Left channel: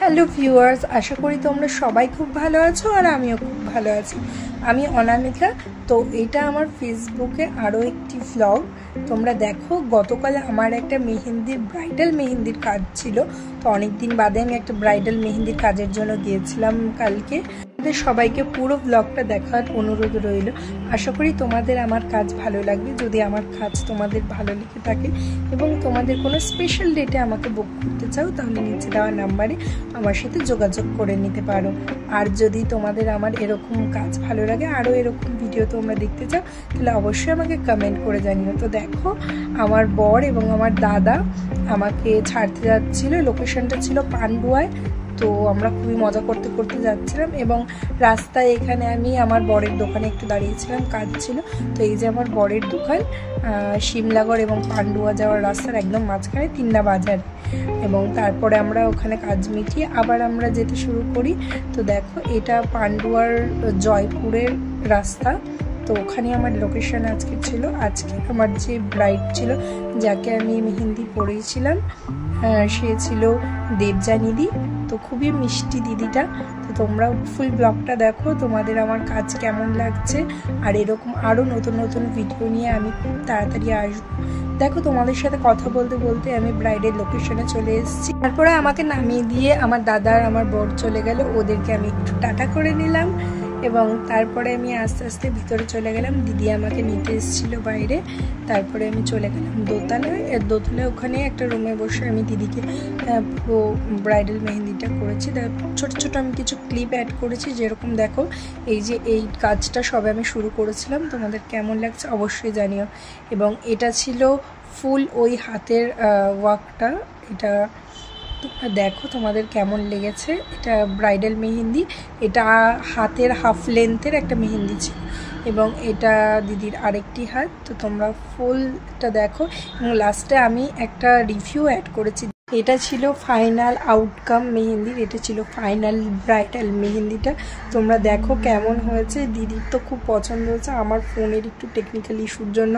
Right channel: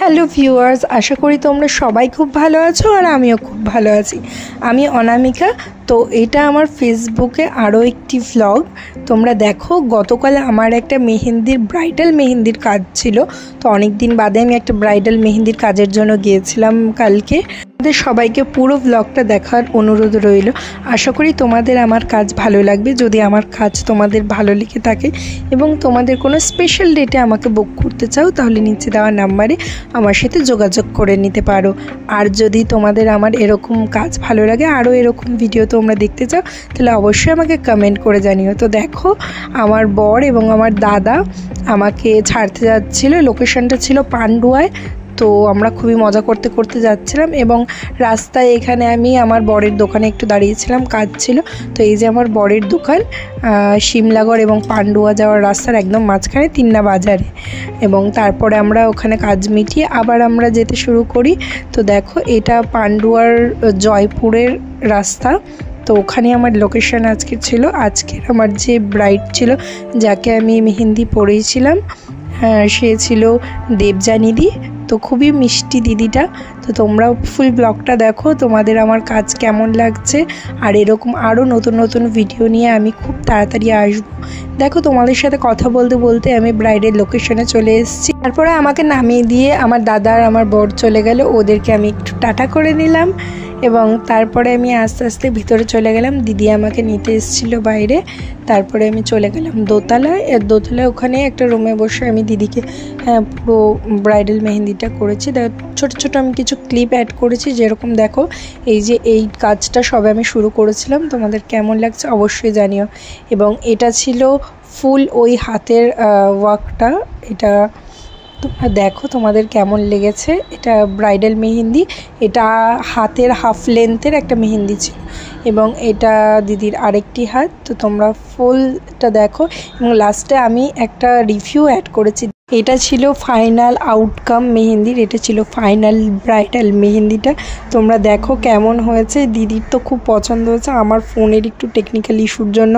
Hello viewers, আশা করি তোমরা সবাই খুব ভালো আছো আর আমিও খুব ভালো আছি। আমি অনামিকা। তো এটা আমার ফেসবুকে আরও একটি ভ্লগ। তোমরা দেখো, গতকাল আমার একটা ব্রাইডাল মেহেন্দির কাজ ছিল। তো অনেক দিন বাদে আমি একটা ব্রাইডাল মেহেন্দির কাজের জন্য গিয়েছিলাম কালকে। তোমাদের সবাইকে পুরো ভ্লগটা দেখার অনুরোধ রইল। আশা করি তোমাদের আমার কাজ ভালো লাগবে। যদি আমার কাজ তোমাদের ভালো লেগে থাকে এবং তোমাদের কোনো স্পেশাল ডেটে আমাকে বুক করতে চাও, তাহলে নিচে দেওয়া নাম্বারে আমার সাথে যোগাযোগ করে নিতে পারো। আর যদি তোমাদের আমার এরকম কাজ ভালো লাগে, আরও এরকম ভিডিও তোমরা দেখতে চাও, তাহলে অবশ্যই আমাকে কমেন্ট করে জানিও। তো দেখো, আমার বর এবং আমার দাদা আমাকে ছাড়তে যাচ্ছিলো। লোকেশনটা ছিল পান্ডুয়ায়। তো আমরা খুবই মজা করতে করতে যাচ্ছিলাম এবং রাস্তায় এখানে আমি আমার বরের দোকানে একটু দাঁড়িয়েছিলাম, কাজ ছিল। তো এই যে আমার বরের দোকান, শিমলাগড় এবং পান্ডুয়া যাওয়ার রাস্তার একদম মাঝখানে তিন্না বাজারে। এবং তারপরে আমরা ওখানে কাজ মিটিয়ে আবার আমরা যেতে শুরু করি। তো দেখো, এটা পান্ডুয়ার জয়পুরের রাস্তা। তো ওখানে আমার লোকেশন আজকে ছিল। আজকের আমার যে ব্রাইড ছিল, যাকে আমি মেহেন্দি পরিয়েছিলাম, সে ছিল দেবযানীদি। তো খুবই মিষ্টি দিদিটা। তো তোমরাও ফুল ব্লগটা দেখো, তোমাদের আমার কাজ কেমন লাগছে। আর এরকম আরও নতুন নতুন ভিডিও নিয়ে আমি খুব তাড়াতাড়ি আসবো। দেখো, তোমাদের সাথে কথা বলতে বলতে আমি ব্রাইডের লোকেশনে চলে এসেছি। তারপরে আমাকে নামিয়ে দিয়ে আমার দাদা আর আমার বর চলে গেল। ওদেরকে আমি একটু টাটা করে নিলাম এবং তারপরে আমি আস্তে আস্তে ভিতরে চলে গেলাম। দিদি আমাকে নিতে এসেছিলো বাইরে। তারপরে আমি চলে গেলাম দোতলায়। ওখানে একটা রুমে বসে আমি দিদিকে পুরো ব্রাইডাল মেহেন্দিটা করেছি। ছোট ছোট আমি কিছু ক্লিপ অ্যাড করেছি। যেরকম দেখো, এই যে এই কাজটা সবে আমি শুরু করেছিলাম। তোমাদের কেমন লাগছে অবশ্যই জানিও। এবং এটা ছিল ফুল ওই হাতের ওয়ার্কটা। এটা তোমরা দেখো তোমাদের কেমন লেগেছে। এটা ব্রাইডাল মেহেন্দি। এটা হাতের হাফ লেন্থের একটা মেহেন্দি ছিল এবং এটা দিদির আরেকটি হাত। তো তোমরা ফুলটা দেখো এবং লাস্টে আমি একটা রিভিউ অ্যাড করেছি। এটা ছিল ফাইনাল আউটকাম মেহেন্দির। এটা ছিল ফাইনাল ব্রাইডাল মেহেন্দিটা। তোমরা দেখো কেমন হয়েছে। দিদির তো খুব পছন্দ হয়েছে। আমার ফোনের একটু টেকনিক্যাল ইস্যুর জন্য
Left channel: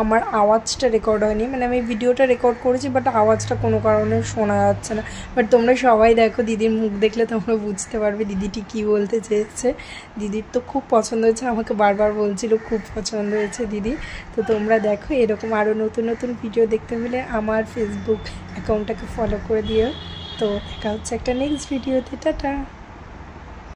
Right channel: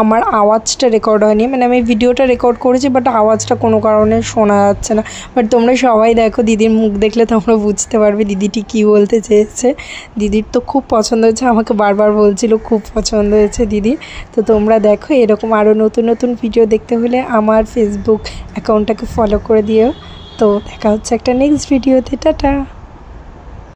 আমার আওয়াজটা রেকর্ড হয়নি। মানে আমি ভিডিওটা রেকর্ড করেছি, বাট আওয়াজটা কোনো কারণে শোনা যাচ্ছে না। বাট তোমরা সবাই দেখো, দিদির মুখ দেখলে তোমরা বুঝতে পারবে দিদিটি কী বলতে চেয়েছে। দিদির তো খুব পছন্দ হয়েছে, আমাকে বারবার বলছিল খুব পছন্দ হয়েছে দিদির। তো তোমরা দেখো, এরকম আরও নতুন নতুন ভিডিও দেখতে হলে আমার ফেসবুক অ্যাকাউন্টটাকে ফলো করে দিও। তো দেখা হচ্ছে একটা নেক্সট ভিডিওতে। টাটা।